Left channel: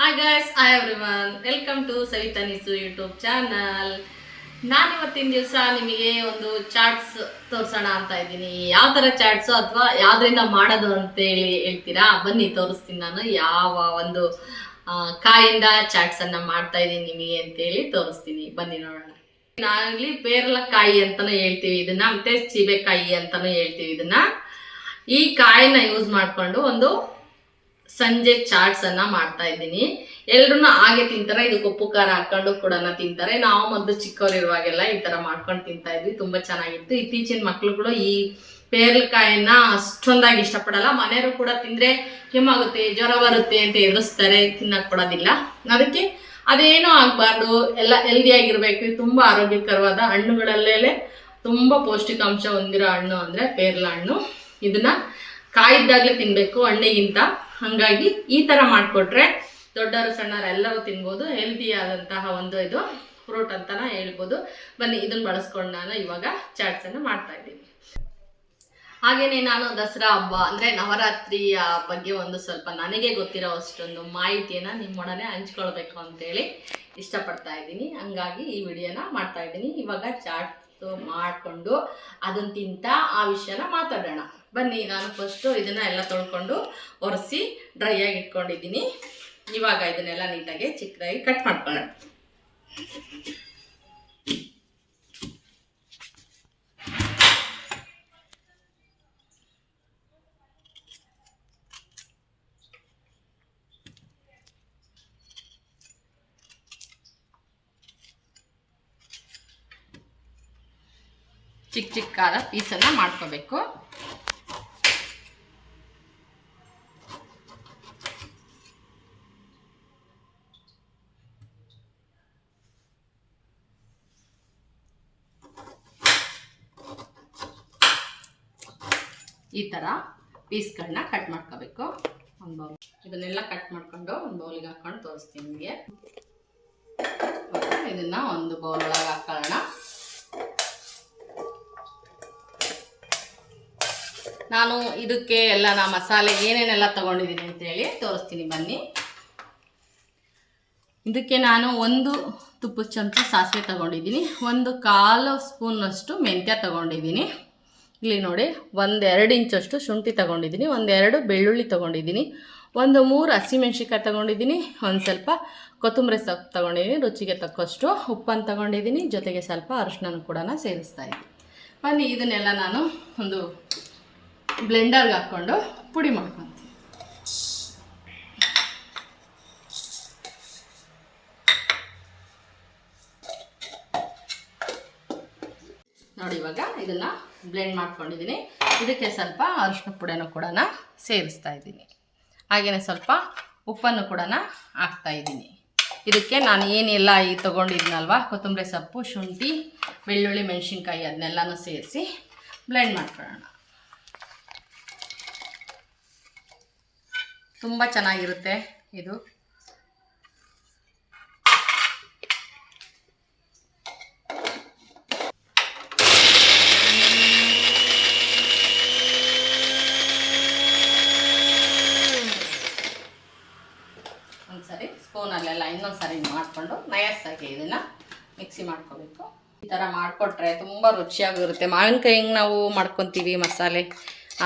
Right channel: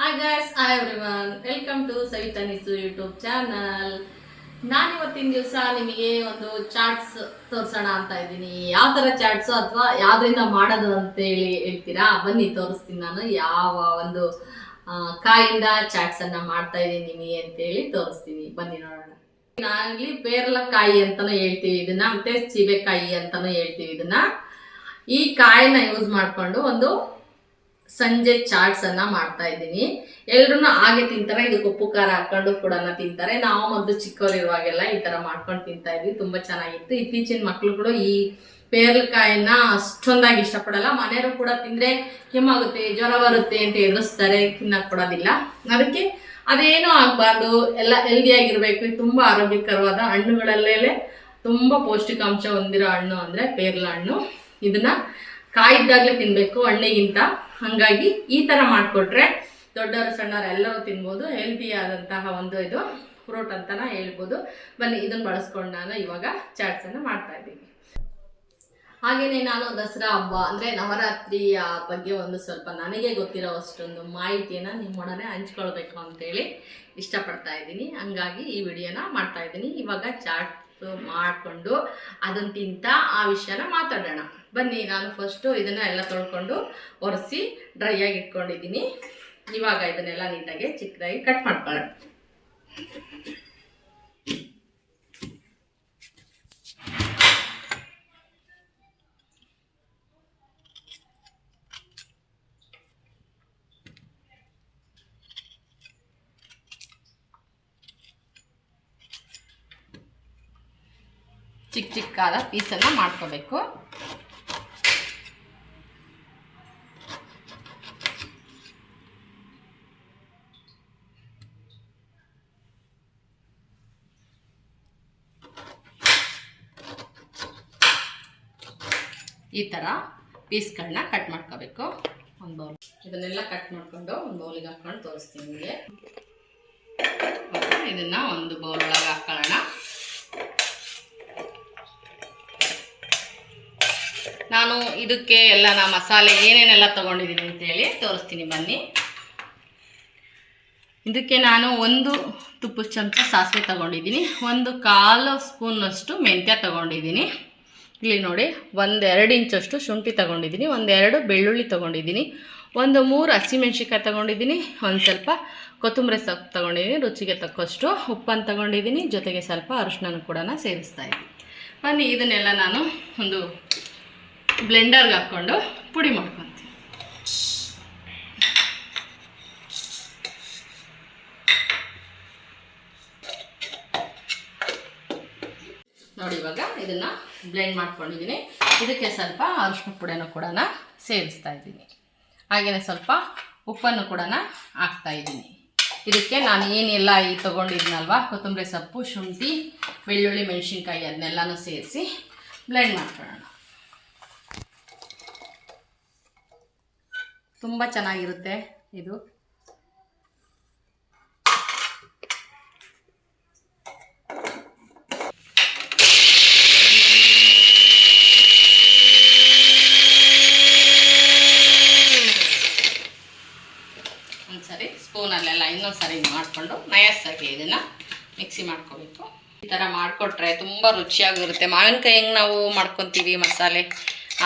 Hi guys hi everyone welcome to Savitha Nisu YouTube channel ನಾನು ಇವತ್ತಿನ ದಿವಸ ನಿಮಗೆ ಒಂದು ಚಾಟ್ಸ್ ತೋರಿಸೋಣ ಅಂತ ಇದ್ದೀನಿ. ಯಾವ ಥರ ಚಾಟ್ಸು ಅಥವಾ ಯಾವ್ದ್ರಿಂದ ಮಾಡೋದು ಅಂತೇಳಿ ಹೇಳ್ತೀರಾ? ಬನ್ನಿ, ತೋರಿಸ್ತೀನಿ ನಾನು. ಯಾವ ಒಂದು ಕಾಯಿಂದ ಚಾಟ್ಸ್ ಅನ್ನ ಮಾಡ್ತಾ ಇದ್ದೀನಿ ನಿಮಗೆ ಅಂತೇಳಿ ತೋರಿಸ್ತೀನಿ. ಬನ್ನಿ ನೋಡೋಣ. ನಾವಿಲ್ಲಿ ಪೇರ್ಲಕಾಯಿ ಅಂತಲೂ ಹೇಳ್ತೀವಿ. ಇದನ್ನ ಮತ್ತೆ ಸೀಬೆಕಾಯಿ ಅಂತಲೂ ಹೇಳ್ತೀವಿ ಇದನ್ನ. ಈ ಕಾಯಿನ ಯೂಸ್ ಮಾಡ್ಕೊಂಡು ಒಂದು ಸಂಜೆ ಚಾಟ್ಸ್ ಅನ್ನ ಮಾಡ್ತಾ ಇದ್ದೀನಿ. ಎಲ್ರು ಹಾಗೆ ತಿಂತಾರೆ, ಇದಕ್ಕೆ ಉಪ್ಪು ಖಾರ ಹಾಕೊಂಡು ಕೂಡ ತಿಂತಾರೆ. ನಾವು ಮೊದಲು ಚಿಕ್ಕವರಿರುವಾಗೆಲ್ಲ ಈ ತರ ಮಾಡ್ಕೊಂಡು ತಿಂತಾ ಇದ್ವಿ, ತುಂಬಾ ಚೆನ್ನಾಗಿತ್ತು. ಇತ್ತೀಚಿನ ಮಕ್ಳುಗಳು ಈ ಪೇರ್ಲಕಾಯಿನ ಅಷ್ಟೊಂದಾಗಿ ಇಷ್ಟಪಡಲ್ಲ. ಮನೆಯವರು ಕೂಡ ತಿಂದ್ರೆ ಕೆಮ್ಮಾಗುತ್ತೆ, ಜ್ವರ ಬರುತ್ತೆ ಅಂತ ಎದುರಿಸ್ತಾರೆ, ತಿನ್ನಕ್ ಕೊಡೋದಿಲ್ಲ. ಅದಕ್ಕೆ ಅದೇನೂ ಆಗಬಾರ್ದು. ಎಲ್ಲ ಹೆಲ್ದಿ ಆಗಿರ್ಬೇಕು. ತುಂಬಾ ಆರೋಗ್ಯಕರವಾದ ಹಣ್ಣುಗಳಲ್ಲೇ ತುಂಬಾ ಪೌಷ್ಟಿಕಾಂಶ ಹೊಂದಿರೋ ಹಣ್ಣು ಅಂದ್ರೆ ಪೇರ್ಲ ಹಣ್ಣು. ಇದನ್ನ ಕಾಯಿದ್ದಾಗಲೇ ತಿನ್ಬೇಕು ಹಣ್ಣಿಗಿಂತ ಹಾಗಾಗಿ ಈ ತರ ಮಾಡಿಕೊಟ್ರೆ ದೊಡ್ಡವರು ಸಣ್ಣವರು ಎಲ್ಲರೂ ತಿನ್ಬೋದು. ಹೆಲ್ದಿ ಆದಂತಹ ಒಂದು ಇದು ಫ್ರೂಟ್ ಅಂತಲೇ ಹೇಳ್ಬೋದು. ಬನ್ನಿ ಇದನ್ನ ಬಳಸ್ಕೊಂಡು ನಾನು ಇವಾಗ ಚಾಟ್ಸ್ ಅನ್ನ ಮಾಡ್ತಾ ಇದ್ದೀನಿ. ಹಾಗೇನೆ ನಾನು ದಸರಾ ಹಬ್ಬ ಅಂದ್ರೆ ನವರಾತ್ರಿಯ ಬಗ್ಗೆ ಒಂದು ಸ್ವಲ್ಪ ನನಗೆ ಗೊತ್ತಿರೋ ಅಷ್ಟೊಂದು ಮಾಹಿತಿಯನ್ನ ನಿಮ್ಮೊಡನೆ ಹಂಚ್ಕೊಳ್ಬೇಕು ಅಂತೇಳಿ ಇಷ್ಟಪಡ್ತಾ ಇದ್ದೀನಿ. ಹಂಗಾಗಿ ಈ ವಿಡಿಯೋನ ಮಾಡ್ತಾ ಇದ್ದೀನಿ. ಇವಾಗ ಚಾಟ್ ಮಾಡಿಕೊಂಡು ಅದನ್ನು ತಿಂತ ಆ ವಿಷಯನ ಮಾತಾಡೋಣ. ಬನ್ನಿ, ನಾನು ಫಸ್ಟು ಇದನ್ನ ಎಲ್ಲ ತೊಳ್ಕೊಂಡು ಒರೆಸಿ ಡ್ರೈ ಆಗಿ ಇಟ್ಕೊಂಡಿದ್ದೀನಿ. ಇವಾಗ ಇದನ್ನೆಲ್ಲ ನೀಟಾಗಿ ಚಿಕ್ಕದಾಗಿ ಕಟ್ ಮಾಡ್ಕೊಳ್ಳೋಣ. ಚಿಕ್ಕ ಚಿಕ್ಕಾದ ಪೀಸನ್ನು ಮಾಡ್ಕೋಬೇಕು. ಈ ಥರ ಪೀಸ್ಗಳನ್ನ ಕಟ್ ಮಾಡ್ಕೋಬೇಕು. ಒಂದು ಬೌಲ್ ಇದನ್ನೆಲ್ಲ ಕಟ್ ಮಾಡ್ಕೊಂಡು ಒಂದು ಬೌಲಿಗೆ ಹಾಕೊಂಡು ತೋರಿಸ್ತೀನಿ ನಿಮಗೆ. ಇದನ್ನ ಒಂದು ಬೌಲ್ ಒಳಗೆ ಹಾಕೊಳ್ಳೋಣ. ನಾನು ಇದಕ್ಕೆ ಎಲ್ಲ ನಾ ಮಸಾಲೆ ಏನೇನೆಲ್ಲ ತಗೊಂಡಿದ್ದೀನಿ ಅಂತೇಳಿ ತೋರಿಸ್ತೀನಿ ಬನ್ನಿ. ಇದಕ್ಕೆ ನಾನು ಒಂದು ತುಪ್ಪದ ಚಮಚ ಸಾಸಿವೆ ತಗೊಂಡಿದ್ದೀನಿ. ಒಂದು ಕಾಲು ಸ್ಪೂನಷ್ಟು ಮೆಂತ್ಯ ತಗೊಂಡಿದ್ದೀನಿ. ಇಲ್ಲಿ ನೋಡಿ, ಒಂದೆರಡು ಇಂಚಷ್ಟು ಶುಂಠಿ ತಗೊಂಡಿದ್ದೀನಿ, ಒಂದೆರಡು ಬೆಳ್ಳುಳ್ಳಿ ತಗೊಂಡಿದ್ದೀನಿ, ಒಂದು ಮೂರು ಹಸಿಮೆಣ್ಸಿಕಾಯಿ ತಗೊಂಡಿದ್ದೀನಿ, ಒಂದು ಸ್ವಲ್ಪ ಕೊತ್ತಂಬರಿ ಸೊಪ್ಪು ತಗೊಂಡಿದ್ದೀನಿ, ರುಚಿಗೆ ತಕ್ಕಷ್ಟು ಉಪ್ಪನ್ನು ತಗೊಂಡಿದ್ದೀನಿ, ಜೊತೆಗೆ ಸ್ವಲ್ಪ ಅರಿಶಿನ ಕೂಡ ಸೇರಿಸ್ತಾ ಇದ್ದೀನಿ. ಬನ್ನಿ, ಇದನ್ನೆಲ್ಲ ನಾನು ಒಂದು ಬ್ಲೆಂಡರ್ಗೆ ಹಾಕ್ಕೊಂಡು ಪುಡಿ ಮಾಡ್ಕೊತೀನಿ ನೋಡಿ ಇವಾಗ ಇದನ್ನ ಬ್ಲೆಂಡ್ ಮಾಡ್ಕೊಂಡಿದ್ದೀನಿ ಇದಕ್ಕೆ ಸ್ವಲ್ಪ ಅರಿಶಿನ ಪುಡಿಯನ್ನು ಕೂಡ ಸೇರಿಸ್ತಾ ಇದ್ದೀನಿ ಹಾಗೆಯೇ ಸ್ವಲ್ಪ ಉಪ್ಪನ್ನು ಕೂಡ ಹಾಕ್ತಾ ಇದ್ದೀನಿ ಇದಕ್ಕೆ ನಾನು ಏನೆಲ್ಲ ಈ ತೊಗೊಂಡಿದ್ನಲ್ವ? ಕೊತ್ತಂಬರಿ ಸೊಪ್ಪು, ಶುಂಠಿ, ಬೆಳ್ಳುಳ್ಳಿ, ಮೆಣಸಿನ್ಕಾಯಿ ಅದನ್ನೆಲ್ಲನೂ ಸೇರಿಸಿ ಬ್ಲೆಂಡ್ ಮಾಡ್ಕೊಳ್ಳೋಣ. ತುಂಬ ಚೆನ್ನಾಗಿರುತ್ತೆ ಇದು ಒಂದ್ಸರಿ ಸ್ಪೂನಲ್ಲೆಲ್ಲ ಇನ್ನೊಂದು ಸರಿ ಮಾಡಿಕೊಂಡು ನಯಸ್ಸಾಗಿ ಇದನ್ನು ಮಿಕ್ಸಿ ಮಾಡ್ಕೋಬೇಕು ಈ ಥರ ಮಾಡಿಕೊಟ್ರೆ ತುಂಬ ರುಚಿಯಾಗಿರುತ್ತೆ. ಮಾವಿನಕಾಯಿ ಹೆಂಗೆ ನಾವು ಮಾಡ್ಕೊತೀವಿ ಮಸಾಲೆ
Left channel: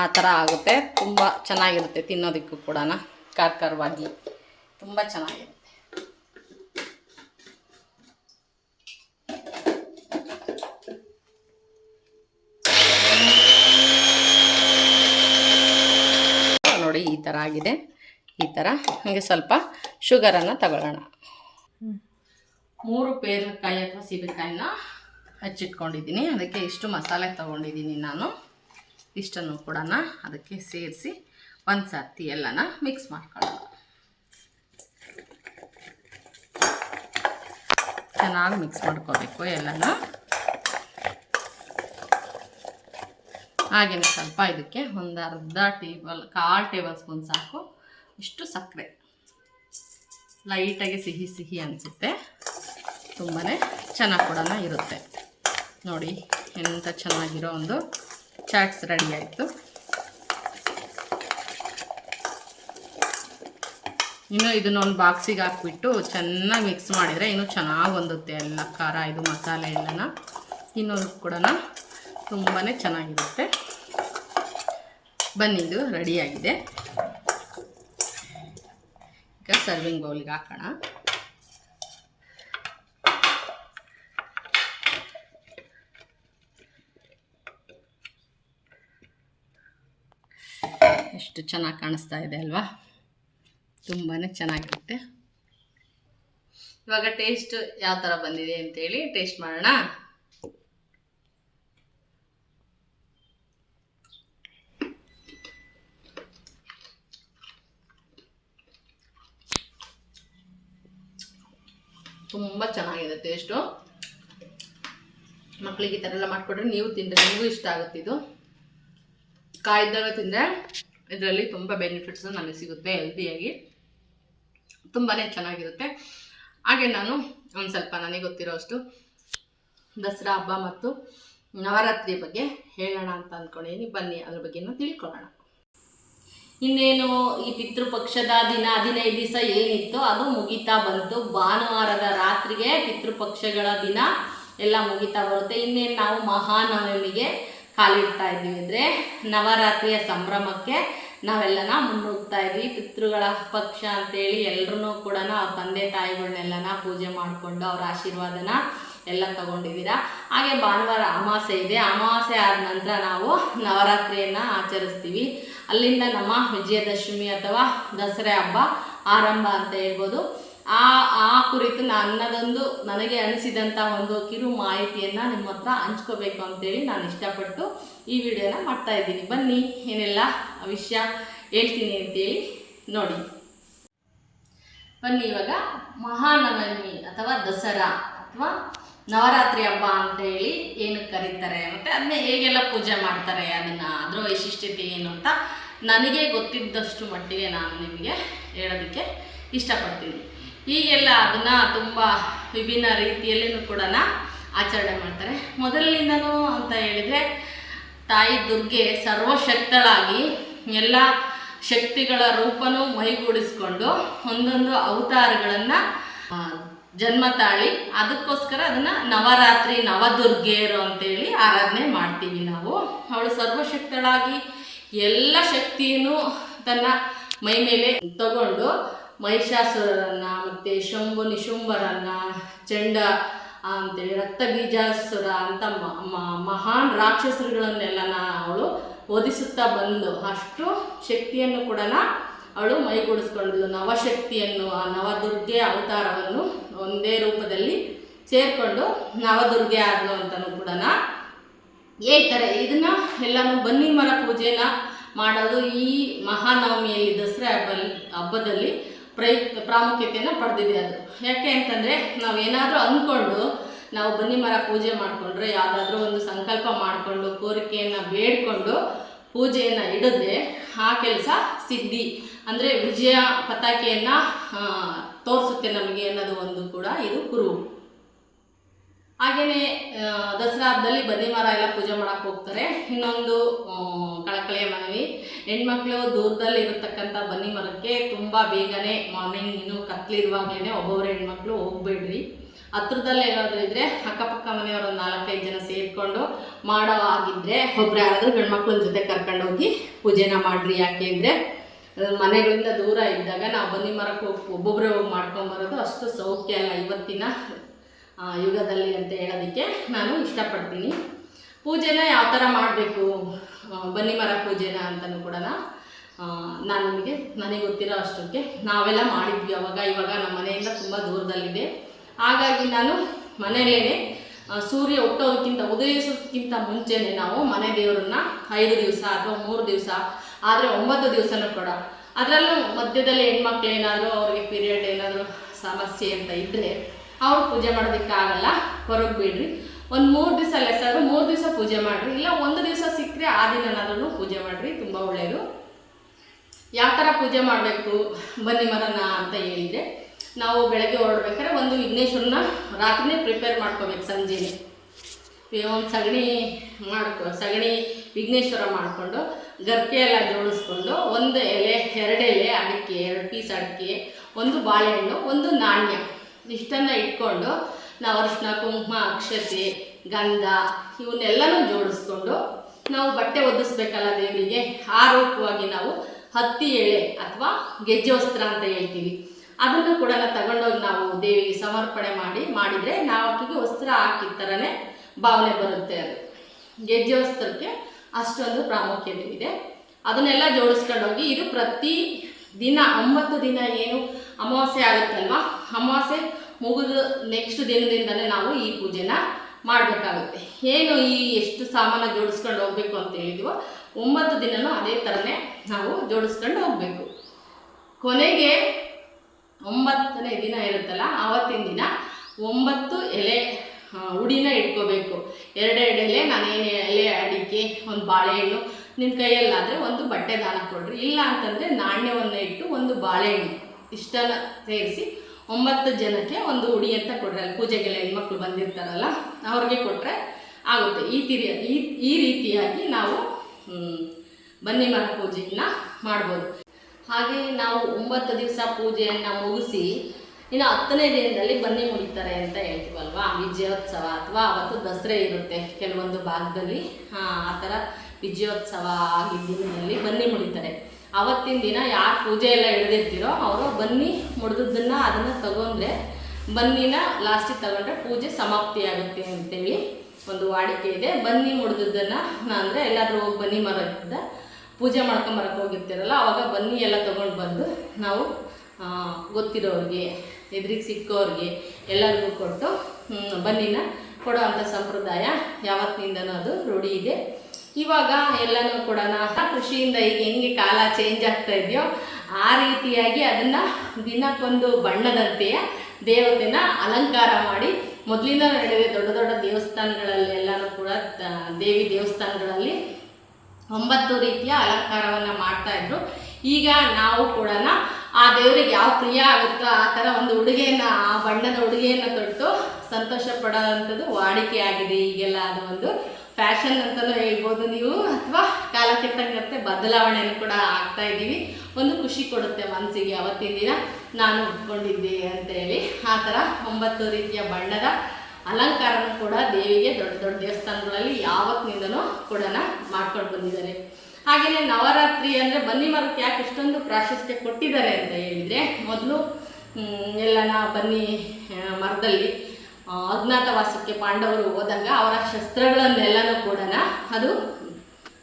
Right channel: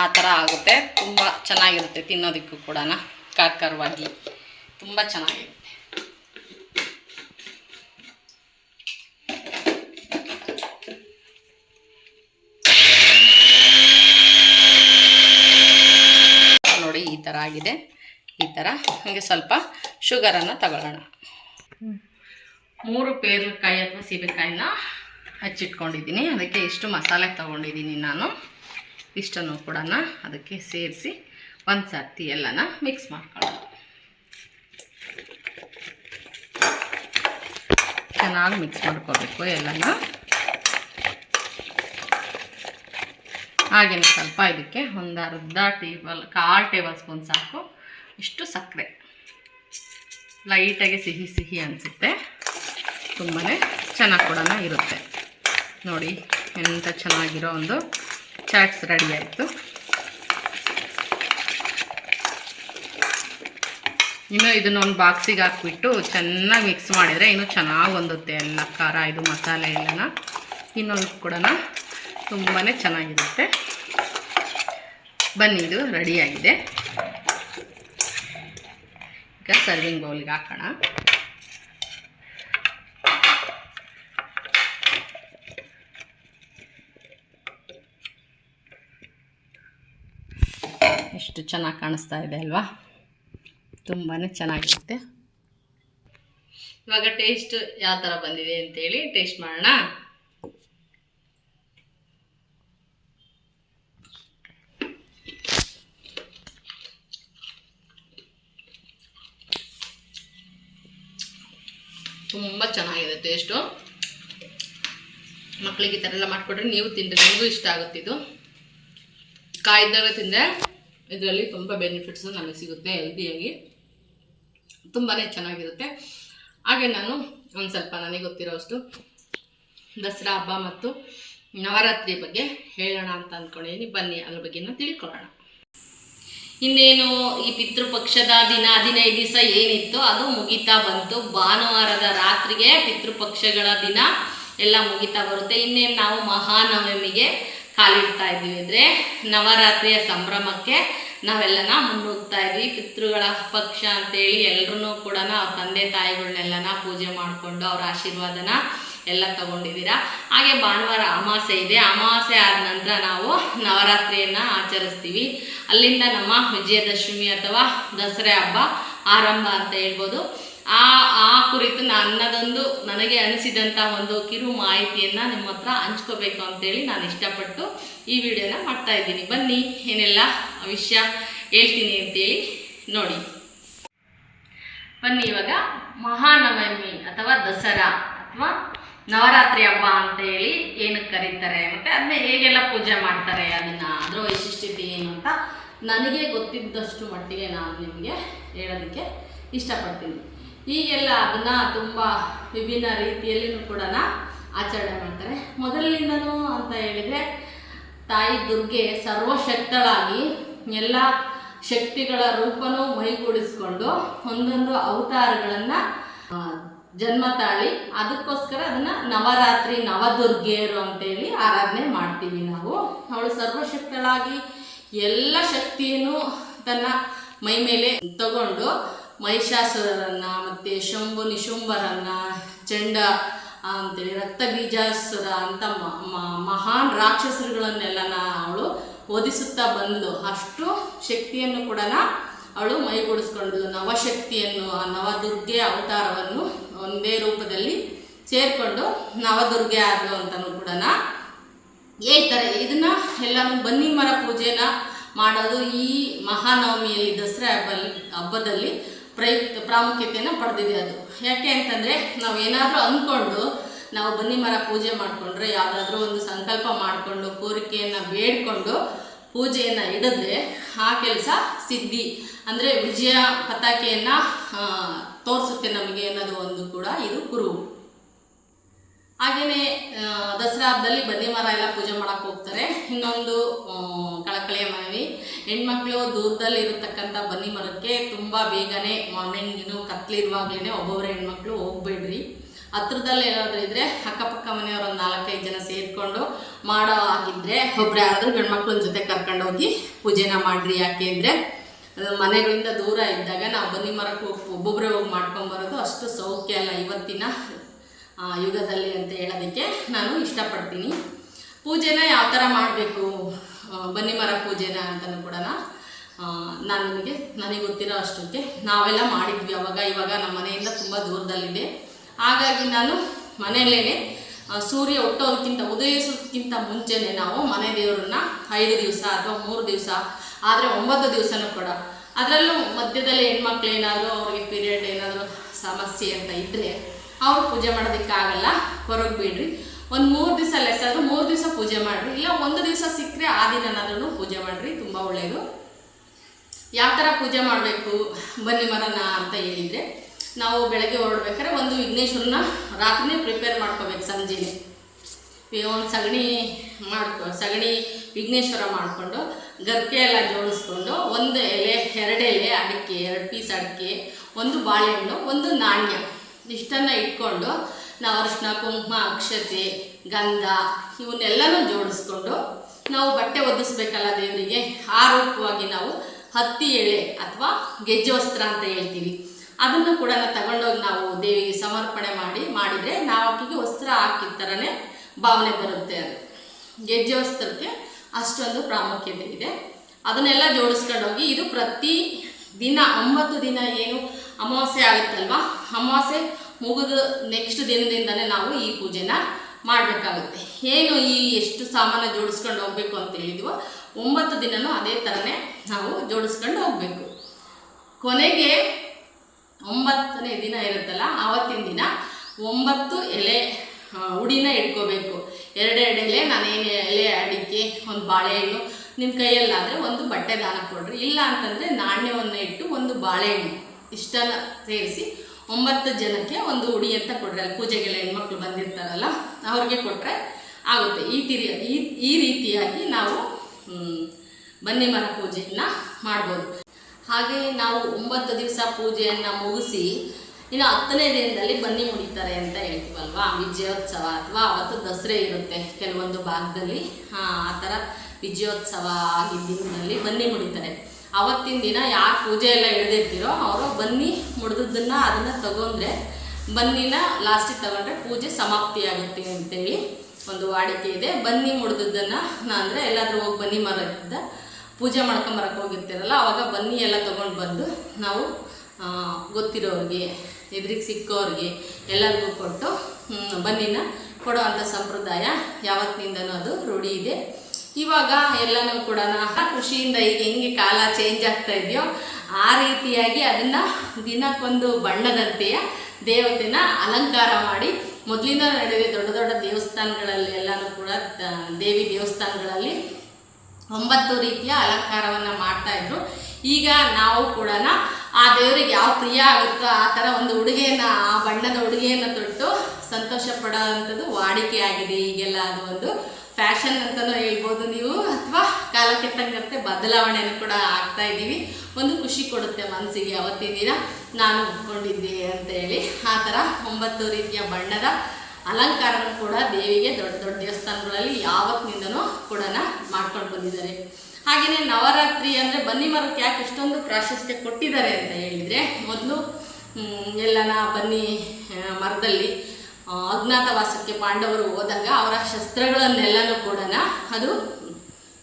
ಆ ಥರ ಆಗುತ್ತೆ. ತುಂಬ ಚೆನ್ನಾಗಿರುತ್ತೆ ತಿನ್ನೋದಕ್ಕೂ ಕೂಡ ಕಾರ್ಕರವಾಗಿ ತುಂಬ ಚೆನ್ನಾಗಿರುತ್ತೆ. ನೋಡಿ ಈ ಥರ ಆಗಿದೆ. ಈ ಥರ ಹಾಗೆ ಸ್ವಲ್ಪ ಶುಗರನ್ನು ತಗೊಳ್ಳೋಣ. ಮೂರು ಪೇರ್ಲಕಾಯಿ ಅಥವಾ ಸೀಬೆಕಾಯಿನ ಹಚ್ಚಿಟ್ಕೊಂಡಿದ್ದೀನಿ. ಅದಕ್ಕೆ ಇಷ್ಟು ಮಸಾಲೆ ತಗೊಂಡಿದ್ದೀನಿ ನಾನು. ಇಷ್ಟನ್ನು ಕೂಡ ಅದಕ್ಕೆ ಸೇರಿಸಿ ಒಂದು ಸರ್ತಿ ಎಲ್ಲನ ಮಿಕ್ಸ್ ಮಾಡ್ಕೊಳ್ಳೋಣ. ಚೆನ್ನಾಗಿ ಮಿಕ್ಸ್ ಮಾಡ್ಕೋಬೇಕು ಎಲ್ಲನ. ಹಾಗೆಯೇ ಸ್ವಲ್ಪ ಇದಕ್ಕೆ ಒಂದು ಅರ್ಧ ಟೇಬಲ್, ಕಾಲು ಟೇಬಲ್ ಸ್ಪೂನ್ ಸಾಕು. ಇಷ್ಟು ಸಕ್ಕರೆ. ಲೈಟಾಗಿ ಸಿಹಿ ಸಿಹಿ ಅನಿಸುತ್ತೆ. ತುಂಬಾ ಚೆನ್ನಾಗಿ ಕೂಡ ಇರುತ್ತೆ. ನೋಡಿ ಎಂಥ ಚೆನ್ನಾಗಿರೋ ಒಂದು ಚಾಟ್ಸ್ ರೆಡಿ ಆಯಿತು. ಇನ್ನು ಇದನ್ನ ಒಂದು ಬಾಕ್ಸಿಗೆ ಹಾಕ್ಬಿಟ್ಟು ಚೆನ್ನಾಗಿ ಮಿಕ್ಸ್ ಮಾಡಿದರೆ ಇನ್ನೂ ಚೆನ್ನಾಗಿ ಹೊಂದುತ್ತೆ ಎಲ್ಲ ಖಾರ, ಇದು ಮಸಾಲೆ ಎಲ್ಲನ. ಇನ್ನೊಂದು ಕೂಡ ತುಂಬಾ ಚೆನ್ನಾಗಿರುತ್ತೆ. ಬನ್ನಿ, ಇದು ರೆಡಿಯಾಗಿದೆ ಈಗ ಸರ್ವಿಂಗ್ ಬೌಲ್ಗೆ ಹಾಕೋಣ. ಎಷ್ಟು ಚೆನ್ನಾಗಿ ಕಾಣಿಸ್ತಾ ಇದೆ ಅಲ್ವಾ? ತುಂಬಾ ಚೆನ್ನಾಗಿರುತ್ತೆ. ಇವಾಗ ಟೇಸ್ಟ್ ಯಾವ ಥರ ಬಂದಿದೆ ಅಂತೇಳಿ ಟೇಸ್ಟ್ ಮಾಡೋಣ. ತುಂಬ ಚೆನ್ನಾಗಿದೆ ಟೇಸ್ಟು ಮಕ್ಕಳಿಗೆ ಈ ಥರ ಎಲ್ಲ ಮಾಡಿಕೊಟ್ರೆ ನೀವು ತಿಂದರೆ ನಿಮಗೂ ಇಷ್ಟ ಆಗುತ್ತಿದ್ದು ಕಾಯ್ದಾಗ ತಿಂದರೆ ಇದರಲ್ಲಿ ತುಂಬ ಬೆನಿಫಿಟ್ಸ್ ನಮಗೆ ಸಿಗುತ್ತೆ ಹೆಲ್ದಿಯಾಗಿ ತುಂಬಾ ಚೆನ್ನಾಗಿರುತ್ತೆ. ಹಾಗೆ ನಾನು ಒಂದು ಸ್ವಲ್ಪ ನನಗೆ ಗೊತ್ತಿರೋಷ್ಟು ದಸರಾ ಹಬ್ಬ ಮತ್ತು ನವರಾತ್ರಿ ಬಗ್ಗೆ ಹೇಳೋಣ ಅಂತ ಅಂದ್ಕೊಂಡಿದ್ದೀನಿ ಬನ್ನಿ, ಅದ್ರ ಬಗ್ಗೆನ ತಿಳ್ಕೊಳ್ಳೋಣ. ಇನ್ನೇನು ಈ ಪಿತೃಪಕ್ಷದ ದಿನ ಹದಿನೈದು ದಿವಸ ಏನಿತ್ತು ಅದು ಮುಗಿತಾ ಬಂತು. ಭಾನುವಾರದ ರಾತ್ರಿಗೆ ಪಿತೃಪಕ್ಷಗಳ ದಿನ ಎಲ್ಲ ಮುಗಿತಾ ಬರುತ್ತೆ. ಇನ್ನೇನು ನಾವು ಮಹಾನವಮಿಗೆ ಕಾಲಿಡ್ತಾ ಇದ್ದೀವಿ ಅಂದರೆ ನವರಾತ್ರಿಯ ಸಂಭ್ರಮಕ್ಕೆ ನಾವೆಲ್ಲನ ಮುನ್ನುಗ್ತಾ ಇದ್ವಿ. ಪಿತೃಗಳ ಪಕ್ಷ ಅಂತೇಳಿ ಎಲ್ಲರೂ ಕೂಡ ಅವ್ರ ತಂದೆ ತಾಯಿಗಳನ್ನೆಲ್ಲನ ಪೂಜೆ ಮಾಡಿಕೊಂಡು ಅವ್ರ ಆಶೀರ್ವಾದನ ಎಲ್ಲ ತಗೊಂಡಿದ್ದೀರಾ. ಹಾಗೆ ಭಾನುವಾರ ಅಮಾಸೆ ಇದೆ. ಅಮಾವಾಸ್ಯೆ ಆದ ನಂತರ ನಾವು ನವರಾತ್ರಿಯನ್ನು ಆಚರಿಸ್ತೀವಿ. ಅಲ್ಲಿಂದ ನಮ್ಮ ವಿಜಯದಶಮಿ ಅಥವಾ ದಸರಾ ಹಬ್ಬ ಆರಂಭ ಅಂತ ಹೇಳ್ಬೋದು. ಆ ಆ ಕುರಿತು ನನ್ನದೊಂದು ನನಗೆ ಅನಿಸಿದಂಥ ಒಂದು ಕಿರು ಮಾಹಿತಿಯನ್ನು ನಿಮ್ಮ ಹತ್ರ ಹಂಚ್ಕೋಬೇಕು ಅಂತೇಳಿ ನಾನು ಇಷ್ಟಪಟ್ಟು ಈ ವಿಡಿಯೋನ ಮಾಡ್ತಾ ಇದ್ದೀನಿ. ಬನ್ನಿ, ಏನೆಲ್ಲ ವಿಷಯ ಹೇಳ್ತೀನಿ ಅಂತೇಳಿ ನೋಡಿ. ಬನ್ನಿ, ಇವಾಗ ಮಹಾನವಮಿ ಅಥವಾ ದಸರಾ ಅಥವಾ ನವರಾತ್ರಿ ಹಬ್ಬ ಅಂತ ಹೇಳಿ ಏನಕ್ಕೆ ಕರೀತಾರೆ ಮತ್ತು ಅದನ್ನ ಹೇಗೆಲ್ಲ ಪೂಜೆ ಮಾಡ್ತಾರೆ, ಅದನ್ನು ಅದರ ವೈಶಿಷ್ಟ್ಯತೆ ಏನು ಅಂತ ನನಗೆ ಗೊತ್ತಿದ್ದಷ್ಟು ಮಟ್ಟಿಗೆ ನಾನು ನಿಮಗೆ ಹೇಳೋದಕ್ಕೆ ಇಷ್ಟಪಡ್ತೀನಿ. ಹೀಗೆಲ್ಲ ಅದನ್ನು ತುಂಬ ವಿಭಿನ್ನ ರೀತಿಯಲ್ಲಿನೂ ಕೂಡ ಆಚರಣೆ ಮಾಡ್ತಾರೆ. ಮೊದಲಿನಿಂದನೂ ಅಂತ ಹೇಳಿದರೆ, ತಾಯಿ ದುರ್ಗೆ ಸರ್ವಶಕ್ತಳಾಗಿ ಎಲ್ಲ ಶಕ್ತಿಗಳ ರೂಪನೂ ಮೈಗೂಡಿಸ್ಕೊಂಡು ಒಂದೊಂದು ಅವತಾರಗಳನ್ನು ಜನ್ಮ ತಾಳಿ, ಅದಕ್ಕೋಸ್ಕರ ಅದನ್ನು ನವರಾತ್ರಿ ನವದುರ್ಗೆಯರು ಅಂತೇಳಿ ಆರಾಧನೆ ಮಾಡ್ತೀವಿ ನಾವು. ಅವಳು ಸರ್ವಶಕ್ತಳಾಗಿ ಎಲ್ಲ ಶಕ್ತಿಯನ್ನು ತನ್ನ ಮೈ ಮೇಲೆ ತಗೊಂಡು ಮಹಿಷಾಸುರರನ್ನು ಮತ್ತು ಶಂಭು ನಿಶುಂಭರನ್ನು ಚಂಡ ಅಂತೇಳಿ ರಕ್ತ ಬೀಜಾಸುರ ಅಂತ ಮಹಾನ್ ರಾಕ್ಷಸರುಗಳನ್ನೆಲ್ಲ ಅವಳು ಓದಿಸುತ್ತಾ ಬಂದಳು ಅಷ್ಟು ಶಕ್ತಿಯನ್ನು ಕೂಡ ಅವಳು ಮೈಗೂಡಿಸ್ಕೊಂಡ್ಳು ನವಶಕ್ತಿಯನ್ನು, ಆ ನವದುರ್ಗೆ ಅವತಾರವನ್ನು ಒಂದೇ ರೂಪದಲ್ಲಿ ಸೇರಿಕೊಂಡು ನವದುರ್ಗೆ ಆದಳು ಅಂತಲೂ ಕೂಡ ಹೇಳ್ತಾರೆ. ಇದನ್ನ ಎಲ್ಲನೂ ಬನ್ನಿ ಮರ ಪೂಜೆನ ಮಾಡೋದು ಈ ಮಹಾನವಮಿಯಲ್ಲಿ ದಸರಾ ಹಬ್ಬ ಹಬ್ಬದಲ್ಲಿ ಪ್ರಯುಕ್ತ ಪ್ರಾಮುಖ್ಯತೆಯನ್ನು ಪಡೆದಿದೆ ಅದು. ಯಾಕೆ ಅಂತಂದರೆ, ನಾವು ಏನಾದರೂ ಅಂದ್ಕೊಂಡು ನಾವು ಬನ್ನಿ ಮರ ಪೂಜೆ ಮಾಡಿಕೊಂಡ್ರೆ, ಯಾವುದಾದ್ರೂ ಒಂದು ಸಂಕಲ್ಪ ಮಾಡಿಕೊಂಡು, ಕೋರಿಕೆಯನ್ನು ಬೇಡಿಕೊಂಡು ಪೂಜೆಯನ್ನು ಇಡಿದ್ರೆ ಆ ಕೆಲಸ ಸಿದ್ಧಿ. ಅಂದರೆ ವಿಜಯ ಪತಾಕೆಯನ್ನು ತೋರಿಸುತ್ತೆ ನಮಗೆ ಅನ್ನೋದು ಒಂದು ಕೂಡ ಇದು ಕುರುಹು. ಹಾಗೆಯೇ ದಸರಾ ಹಬ್ಬದಲ್ಲಿ ಬನ್ನಿ ಮರ ಎಲ್ಲ ಪೂಜೆ ಮಾಡೋಕ್ಕೆ ಹೋಗ್ತಾರೆ. ಇನ್ನೊಂದು ಕಳಕಳಿಯ ಮನವಿ. ಹೆಣ್ಮಕ್ಳು ದೂರದಲ್ಲಿ ಇರತಕ್ಕಂಥ ಬನ್ನಿ ಮರಕ್ಕೆ ತುಂಬ ಬೇಗನೆ ಮಾರ್ನಿಂಗ್ ಇನ್ನು ಕತ್ಲಿರುವಾಗಲೇ ಒಬ್ಬೊಬ್ಬರು ಹೆಣ್ಮಕ್ಳು ಹೋಗ್ಬೇಡ್ರಿ. ಹತ್ರದಲ್ಲಿ ಏನಾದರೂ ಇದ್ದರೆ ಅಕ್ಕಪಕ್ಕ ಮನೆಯವರು ಒಂದು ನಾಲ್ಕೈದು ಜನ ಸೇರಿಕೊಂಡು ಮಾಡೋ ಆಗಿದ್ದರೆ ಒಬ್ರು ಯಾರಾದರೂ ಗಂಡ್ಮಕ್ಳನ್ನ ಜೊತೆ ಕರ್ಕೊಂಡು ಹೋಗಿ ಪೂಜೆನ ಮಾಡಿರಿ. ಯಾಕೆ ಅಂದರೆ ಮನೆಗಳಿಂದ ದೂರ ಇದ್ದಾಗ ನಾವು ಬನ್ನಿ ಮರಕ್ಕೆ ಹೋಗಿ ಒಬ್ಬೊಬ್ಬರೇ ಹೋಗಿ ಮಾಡ್ಕೊಂಬರೋದು ಅಷ್ಟು ಸೌಖ್ಯ ಅಲ್ಲ. ಇವತ್ತಿನ ಯುಗದಲ್ಲಿ ಅಂತ ಹೇಳೋದಕ್ಕೆ ನಾನು ಇಷ್ಟಪಡ್ತೀನಿ. ಪೂಜೆನ ಯಾವ ಥರ ಮಾಡಬೇಕು? ಬನ್ನಿ ಮರ ಪೂಜೆನ ಅಂತಲೂ ಕೂಡ ನಾನು ನಿಮಗೆ, ನನಗೆ ಗೊತ್ತಿರೋ ಅಷ್ಟಕ್ಕೆ ನಾವೆಲ್ಲ ಮಾಡಿದ್ವಿ ಅವಾಗ, ಇವಾಗ ನಮ್ಮ ಮನೆಯಿಂದ ತುಂಬ ದೂರದಲ್ಲಿದೆ. ಹಾಗಾಗಿ ನಾನು ಮನೆಯಲ್ಲೇ ಸೂರ್ಯ ಹುಟ್ಟೋದಕ್ಕಿಂತ, ಉದಯಿಸೋದಕ್ಕಿಂತ ಮುಂಚೆನೇ ನಾವು ಮನೆ ದೇವರನ್ನ ಐದು ದಿವಸ ಅಥವಾ ಮೂರು ದಿವಸ, ಆದರೆ ಒಂಬತ್ತು ದಿವಸನೂ ಕೂಡ. ಅದರಲ್ಲೂ ಮಧ್ಯದಲ್ಲಿ ಹೆಣ್ಮಕ್ಳು ಏನಾದರೂ, ಅವ್ರಿಗೆ ಪೀರಿಯಡ್ ಏನಾದರೂ ಸಮಸ್ಯೆ ಅಂತ ಇದ್ದರೆ ಅವ್ರು ಪೂಜೆ ಮಾಡೋದಕ್ಕಾಗಲ್ಲ, ಹೊರಗೆ ಬಿಡ್ರಿ. ಒಂದು ಮೂರು ದಿವಸ ಲೆಸ್ ಆದರೂ ಮೂರು ದಿವಸ ಪೂಜೆ ಮಾಡಿರಿ. ಇಲ್ಲ, ಒಂದು ದಿವಸ ಸಿಕ್ಕರೆ ಆ ದಿನನಾದ್ರೂ ಪೂಜೆ ಮಾಡಿರಿ, ತುಂಬ ಒಳ್ಳೆಯದು ಯಾವ ಥರ ಪೂಜೆ ಮಾಡಬೇಕು, ಬನ್ನಿ ಮರನ ಅಂತ ಹೇಳಿದರೆ, ನಾವು ಬೆಳಗ್ಗೆ ಹೊರಡ್ಬೇಕಾದ್ರೆ ಒಂದು ವಿಘ್ನೇಶ್ವರನ ರಾತ್ರಿನೇ ಪ್ರಿಪೇರ್ ಮಾಡ್ಕೋಬೇಕು ಸಂಜೆನೆ. ಒಂದು ಸಗಣಿ ಮಾಡ್ಕೊ, ಸಗಣಿ ವಿಘ್ನೇಶ್ವರ ಮಾಡಿಕೊಂಡು, ಗರ್ಕೆ ಎಲ್ಲ ಜೋಡಿಸ್ಕೊಂಡು, ಒಂದು ಎಲೆ, ಎರಡು ಎಲೆ, ಅಡಿಕೆ, ಎರಡು ಪೀಸ್ ಅಡಿಕೆ, ಒಂದು ಬಾಳೆಹಣ್ಣು, ಒಂದು ನಾಣ್ಯ. ಇಷ್ಟನ್ನು ಇಟ್ಕೊಂಡು ನಾವು ಅರಿಶಿನ, ಕುಂಕುಮ, ಅಕ್ಷತೆ, ಗಂಧ ಇವನ್ನೆಲ್ಲನೂ ಜೋಡಿಸ್ಕೊಂಡು ನಾವು ಬಟ್ಟೆ ಒದಿಸ್ಬೇಕಲ್ಲ ದೇವರಿಗೆ, ಆ ರೂಪವಾಗಿ ನಾವು ಹತ್ತಿ ಎಳೆ ಅಥವಾ ಗೆಜ್ಜೆ ವಸ್ತ್ರ ಅಂತ ಹೇಳ್ತೀವಿ. ಅದನ್ನು ಕೂಡ ತಗೊಂಡೋಗಿ ನಾವು ದೇವಿಗೆ ಸಮರ್ಪಣೆ ಮಾಡಿ, ಮಾಡಿದರೆ ನಾವು ಆಕೆಗೆ ವಸ್ತ್ರ ಹಾಕಿದ ಥರನೇ ಭಾವನೆ ಬರುತ್ತೆ ಅದು. ಗೆಜ್ಜೆ ವಸ್ತ್ರಕ್ಕೆ ಅಷ್ಟೊಂದು ಪ್ರಾಮುಖ್ಯತೆ ಇದೆ. ಅದನ್ನೆಲ್ಲ ಜೋಡಿಸ್ಕೊಂಡೋಗಿ ಇದು ಪ್ರತಿ ದಿನ ಒಂಬತ್ತು ದಿನ ಏನು ಅಮಾವಾಸ್ಯೆ ಆಗುತ್ತಲ್ವಾ? ಅಮಾವಾಸ್ಯೆ ಮುಗಿದ ನೆಕ್ಸ್ಟ್ ದಿನದಿಂದಲೇ ನಾವು ಈ ಪೂಜೆನ ಮಾಡಬೇಕಾಗುತ್ತೆ. ಏನು ಈ ಎಷ್ಟು ಸಾಮಾನು ಜೋಡಿಸ್ಕೊಂಡು ಹೋಗ್ಬೇಕು ಅಂತ ಹೇಳಿದ್ವೋ, ಒಂಬತ್ತು ದಿನನೂ ಅದೇ ಥರನೇ ನಾವು ಜೋಡಿಸ್ಕೊಂಡು ಹೋಗಬೇಕು. ಕೊನೆಗೆ ಒಂಬತ್ತನೇ ದಿನ ಇರುತ್ತಲ್ಲ, ಆವತ್ತಿನ ದಿನ ಒಂಬತ್ತು ಎಲೆ ಉಡಿನ ಇಟ್ಕೋಬೇಕು. ಎರಡೆರಡು ಎಲೆ, ನಾನೇನು ಎಲೆ ಅಡಿಕೆ, ಒಂದು ಬಾಳೆಹಣ್ಣು ನಿಮ್ಮ ಕೈಯಲ್ಲಾದರೆ ಒಂದು ಬಟ್ಟೆ ದಾನ ಕೊಡ್ರಿ. ಇಲ್ಲ ಅಂತಂದರೆ ನಾಣ್ಯವನ್ನು ಇಟ್ಟು ಒಂದು ಬಾಳೆಹಣ್ಣು ಇಷ್ಟನ ಸೇರಿಸಿ ಒಂಬತ್ತು ಜನಕ್ಕೆ ಒಂದು ಉಡಿ ಅಂತ ಕೊಡ್ರಿ. ಅಲ್ಲಿ ಪೂಜೆಗೆಲ್ಲ ಹೆಣ್ಮಕ್ಳು ಬಂದಿರ್ತಾರಲ್ಲ, ಅವ್ರಿಗೆ ಕೊಟ್ಟರೆ ಆಗುತ್ತೆ. ಈ ತಿರಿಯ ಈ ರೀತಿಯಾಗಿ ನಾವು ಬನ್ನಿ ಮರ ಪೂಜೆಯನ್ನು ಮಾಡ್ಬೋದು. ಹಾಗೆ ನಾವು ಒಂಬತ್ತು ದಿವಸ ಪೂಜೆಯನ್ನು ಮುಗಿಸಿ ಇನ್ನು ಹತ್ತನೇ ದಿನದಲ್ಲಿ ಬನ್ನಿ ಮುಡಿತಾರೆ ಅಂತ ಹೇಳ್ತೀವಲ್ವಾ? ವಿಜಯೋತ್ಸವ ಅಥವಾ ಅವತ್ತು ದಸರೆ ಇರುತ್ತೆ ಕೆಲವೊಂದು ಭಾಗದಲ್ಲಿ. ಆ ಥರ ವಿಜಯೋತ್ಸವ ಆಗಿದ್ದ ದಿನದಲ್ಲಿ ಬನ್ನಿ ಮುಡಿತಾರೆ. ಅವತ್ತಿನ ದಿನ ಯಾರು ಪೂಜೆ ಎಲ್ಲ ಹಿಡಿದಿರ್ತೀರೋ ಅವರು ಬನ್ನಿ ಮುಡ್ದದ್ದನ್ನು ಅದನ್ನು ತಗೊಂಡ್ರೆ ಬನ್ನಿನ ಲಾಸ್ಟಿಗೆ ತಗೊಂಡ್ರೆ ಪೂಜೆ ಸಮಾಪ್ತಿ ಆಗುತ್ತೆ ಅಂತೇಳಿ ಒಂದು ವಾಡಿಕೆ ಇದೆ. ಬನ್ನಿ ಮುಡ್ದದ್ದನ್ನು ಅಂದರೆ ಎಲ್ಲಾದರೂ ಹೋಗಿ ಬನ್ನಿ ಮರದಿಂದ ಪೂಜೆ ಮಾಡ್ಕೊಂಬರಕ್ಕೆ ಹೋಗಿರ್ತೀರಲ್ಲ, ಅವಾಗ ಬನ್ನಿ ಎಲ್ಲ ತೊಗೊಂಡು ಬಂದು ನಾವು ಗೊತ್ತಿರೋರಿಗೆ, ಎದುರಿಗೆ ಸಿಕ್ಕೋರಿಗೆ ಎಲ್ಲರಿಗೂ ಕೊಟ್ಟು ಬನ್ನಿನ ಕೊಡೋ ಅಂಥ ಸಂಪ್ರದಾಯ ಯಾವತ್ತಿನಿಂದನೂ ಅದು ರೂಢಿ ಇದೆ. ಇವಾಗ ಎಲ್ಲನೂ ಕೂಡ ಖುಷಿಯಿಂದ ಈಗ ಹೆಂಗೆ ಕಾಲ ಚೇಂಜ್ ಆಗ್ತಾ ಇದೆಯೋ, ಆ ರೀತಿಯಾಗಿ ಅದನ್ನು ದಿನಕ್ಕೊಂದು ಬಣ್ಣದಂತೆಯ ದೇವತೆನ ಅಲಂಕಾರ ಮಾಡಿ ಮೊದಲಿನ ನಡುವೆ ದೊಡ್ಡ ದೊಡ್ಡ ದೇವಸ್ಥಾನಗಳಲ್ಲಿ ಎಲ್ಲನೂ ಕೂಡ ದೇವಿ ದೇವಸ್ಥಾನಗಳಲ್ಲಿ ಒಂಬತ್ತು ರೀತಿಯ ಅಲಂಕಾರವನ್ನು ಮಾಡ್ತಾ ಇದ್ರು. ಈಗ ನಾವು ಕೂಡ ಆ ದೇವರಿಗೆ ಯಾವ ಪ್ರಿಯ ಆಗುತ್ತೋ ಆ ಥರ ಒಂದು ಉಡುಗೆಯನ್ನು, ಆ ಬಣ್ಣದ ಉಡುಗೆಯನ್ನು ತೊಟ್ಟು ಸಂತೋಷ ಪಡೋವಂಥದ್ದು ವಾಡಿಕೆ ಆಗಿದೆ. ಈಗೆಲ್ಲ ಅದು ಒಂದು ಫ್ಯಾಷನ್ ಅಂತಲೂ ಹೇಳ್ಬೋದು ನೀವು. ಅಥವಾ ಕಾಲಕ್ಕೆ ತಕ್ಕಂತೆ ಬದಲಾವಣೆಯನ್ನು ಕೂಡ ಆಗ್ತಾ ಇದ್ದೀವಿ. ಒಂದು ಖುಷಿ ಕೊಡುತ್ತೆ ಮನಸ್ಸಿಗೆ ಅವತ್ತಿನ ದಿನ. ನಾನು ಉಟ್ಕೊಂಡಿದ್ದೆ ಅಂತ ಹೇಳಿ. ಆ ಥರ ಒಂಬತ್ತು ರೀತಿಯ ಬಣ್ಣದ ಅಲಂಕಾರನೂ ಕೂಡ ದೇವಿಗೆ ದೊಡ್ಡ ದೊಡ್ಡ ದೇವಸ್ಥಾನಗಳಲ್ಲಿ ಯಾವತ್ತಿನಿಂದನೂ ಕೂಡ ಮಾಡ್ಕೊಂಡು ಬಂದಿದ್ದಾರೆ. ಹಾಗೆಯೇ ನವರಾತ್ರಿ ಅಂದರೆ ಬನ್ನಿ ಮರಕ್ಕೆ ಯಾಕೆ ಇಷ್ಟೊಂದು ಪ್ರಾಶಸ್ತ್ಯ ಕೊಟ್ಟಿದ್ದಾರೆ ಅಂತ ಹೇಳಿದರೆ ಮೊದಲು ಎಲ್ಲನ ಬನ್ನಿ ಮರದಲ್ಲಿ ಅಜ್ಞಾತವಾಸಕ್ಕೆ ಪಾಂಡವರು ಹೋದಾಗ ಅವರ ಶಸ್ತ್ರಗಳನ್ನೆಲ್ಲನೂ ಕೂಡ ಅದು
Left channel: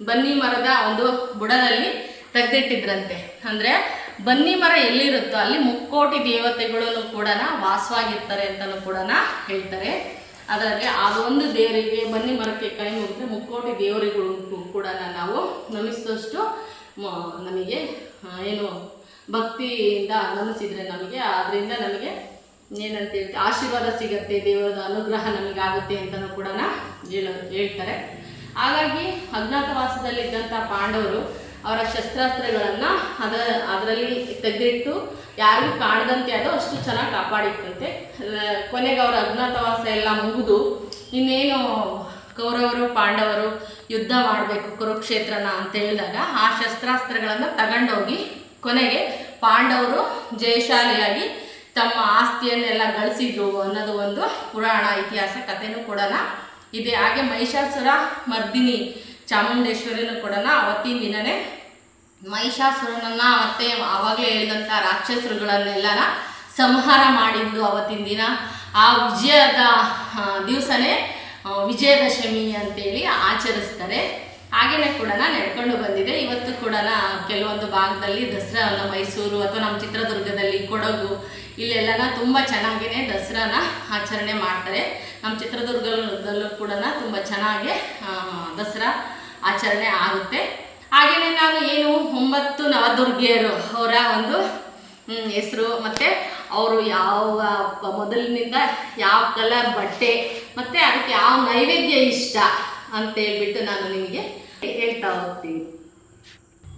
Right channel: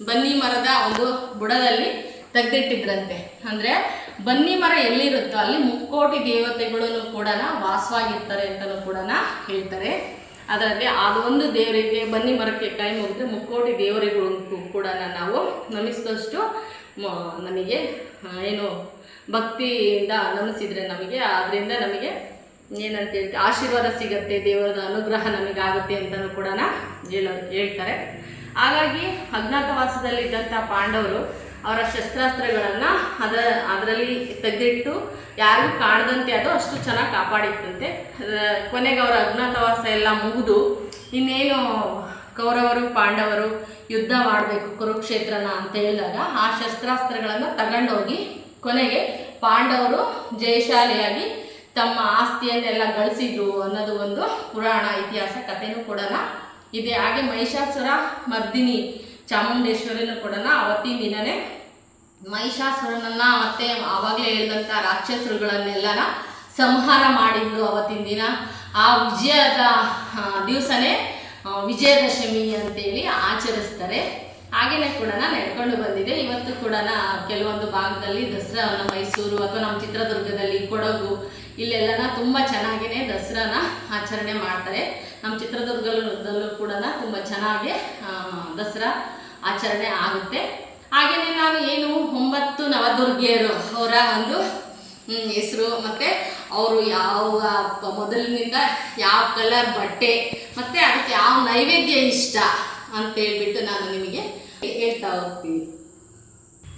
ಬನ್ನಿ ಮರದ ಒಂದು ಬುಡದಲ್ಲಿ ತೆಗೆದಿಟ್ಟಿದ್ರಂತೆ. ಅಂದರೆ ಬನ್ನಿ ಮರ ಎಲ್ಲಿರುತ್ತೋ ಅಲ್ಲಿ ಮುಕ್ಕೋಟಿ ದೇವತೆಗಳನ್ನು ಕೂಡ ವಾಸವಾಗಿರ್ತಾರೆ ಅಂತಲೂ ಕೂಡ ಹೇಳ್ತಾರೆ. ಅದರಲ್ಲಿ ಅದೊಂದು ದೇವರಿಗೆ ಬನ್ನಿ ಮರಕ್ಕೆ ಕೈ ಮುಗಿದ್ರೆ ಮುಕ್ಕೋಟಿ ದೇವರಿಗಳು ಕೂಡ ನಾವು ನಮಿಸಿದಷ್ಟು ನಮಗೆ ಏನು ಭಕ್ತಿಯಿಂದ ನಮಿಸಿದರೆ ನಮಗೆ ಅದರಿಂದ ನಮಗೆ ಏನಂತ ಹೇಳ್ತೀವಿ ಆಶೀರ್ವಾದ ಸಿಗತ್ತೆ, ದೇವರದ ಅನುಗ್ರಹ ನಮಗಾಗುತ್ತೆ ಅಂತಲೂ ಕೂಡ ಹೇಳೋ, ಹೇಳ್ತಾರೆ. ಹಾಗಾಗಿ ಅಜ್ಞಾತವಾಸದಲ್ಲಿದ್ದಂಥ ಪಾಂಡವರು ಅವರ ಶಸ್ತ್ರಾಸ್ತ್ರಗಳನ್ನು ಅದರ, ಅದರಲ್ಲಿ ತೆಗೆದಿಟ್ಟು ಯಾರಿಗೂ ಕಾಣದಂತೆ ಅದು ಅಷ್ಟು ಚೆನ್ನಾಗಿ ಕಾಪಾಡಿತ್ತಂತೆ. ಕೊನೆಗೆ ಅವರ ಅಜ್ಞಾತವಾಸ ಎಲ್ಲ ಮುಗಿದು ಇನ್ನೇನು ಕೌರವರು, ಪಾಂಡವರು ಯುದ್ಧ ಮಾಡಬೇಕು ಕುರುಕ್ಷೇತ್ರನ ಅಂತ ಹೇಳಿದಾಗ ಆ ಶಸ್ತ್ರಾಸ್ತ್ರಗಳನ್ನು ತಗೊಂಡೋಗಿ ಕೊನೆಗೆ ಪಾಂಡವರು ಜಯಶಾಲಿಯಾಗಿ ತಮ್ಮ ಆಸ್ತಿಯನ್ನೆಲ್ಲ ಗಳಿಸಿದ್ರು ಅನ್ನೋದು ಒಂದು ಪುರಾಣ ಇತಿಹಾಸ ಕಥೆನೂ ಕೂಡ ಇದೆ. ಹಾಗೆ ಮಹಿಷಾಸುರ ಮರ್ದಿನಿ ಚಾಮುಂಡೇಶ್ವರಿನೂ ಕೂಡ ಅವತ್ತಿನ ದಿನನೇ ಮಹಿಷಾಸುರನನ್ನ ಮತ್ತೆ ಆವಾಗಲೇ ಹೇಳಿದಂಥ ರಾಕ್ಷಸರುಗಳನ್ನೆಲ್ಲನ ಸಂಹಾರ ಮಾಡಿದ್ದು ಅವತ್ತಿನ ದಿನ. ಆ ವಿಜಯದ ದಿವಸನೇ ವಿಜಯದಶಮಿ ಅಂತೇಳಿ ಆಚರಿಸ್ತಾರೆ. ಹಾಗೇನೆ ಕೂಡ ನಡ್ಕೊಂಡು ಬಂದಿದೆ ಇವತ್ತು ಕೂಡ ಕೆಲವೊಂದು ಭಾಗದಲ್ಲಿ ದಸರಾನ ಮೈಸೂರು ಅಥವಾ ನಮ್ಮ ಚಿತ್ರದುರ್ಗದಲ್ಲಿ ಕೊಡಗು ಇಲ್ಲೆಲ್ಲನ ತುಂಬ ಚೆನ್ನಾಗೇ ದಸರಾನ ಆಚರಣೆ ಮಾಡ್ತಾರೆ. ನಮ್ಮ ಚಿತ್ರದುರ್ಗದಲ್ಲೂ ಕೂಡ ತುಂಬ ಚೆನ್ನಾಗಿ ದಸರಾ ಆಚರಣೆ ಆಗುತ್ತೆ. ಹಾಗೆಯೇ ನಾನು ಏನು ಒಂಬತ್ತು ನವದುರ್ಗಿಯರು ಅವರ ಒಂದು ಹೆಸರು ಮತ್ತು ಅವರು ಯಾವ ಮೊದಲಿನಿಂದ ಯಾವ ಕಲರ್ ಬಟ್ಟೆ ಮತ್ತು ಅದಕ್ಕೆ ಯಾವ ನೈವೇದ್ಯ ಇಷ್ಟ ಅಂತ ಹೇಳ್ಬಿಟ್ಟು ನಾನು ನಿಮಗೆ ಹೇಳ್ತಾ ಹೋಗ್ತೀನಿ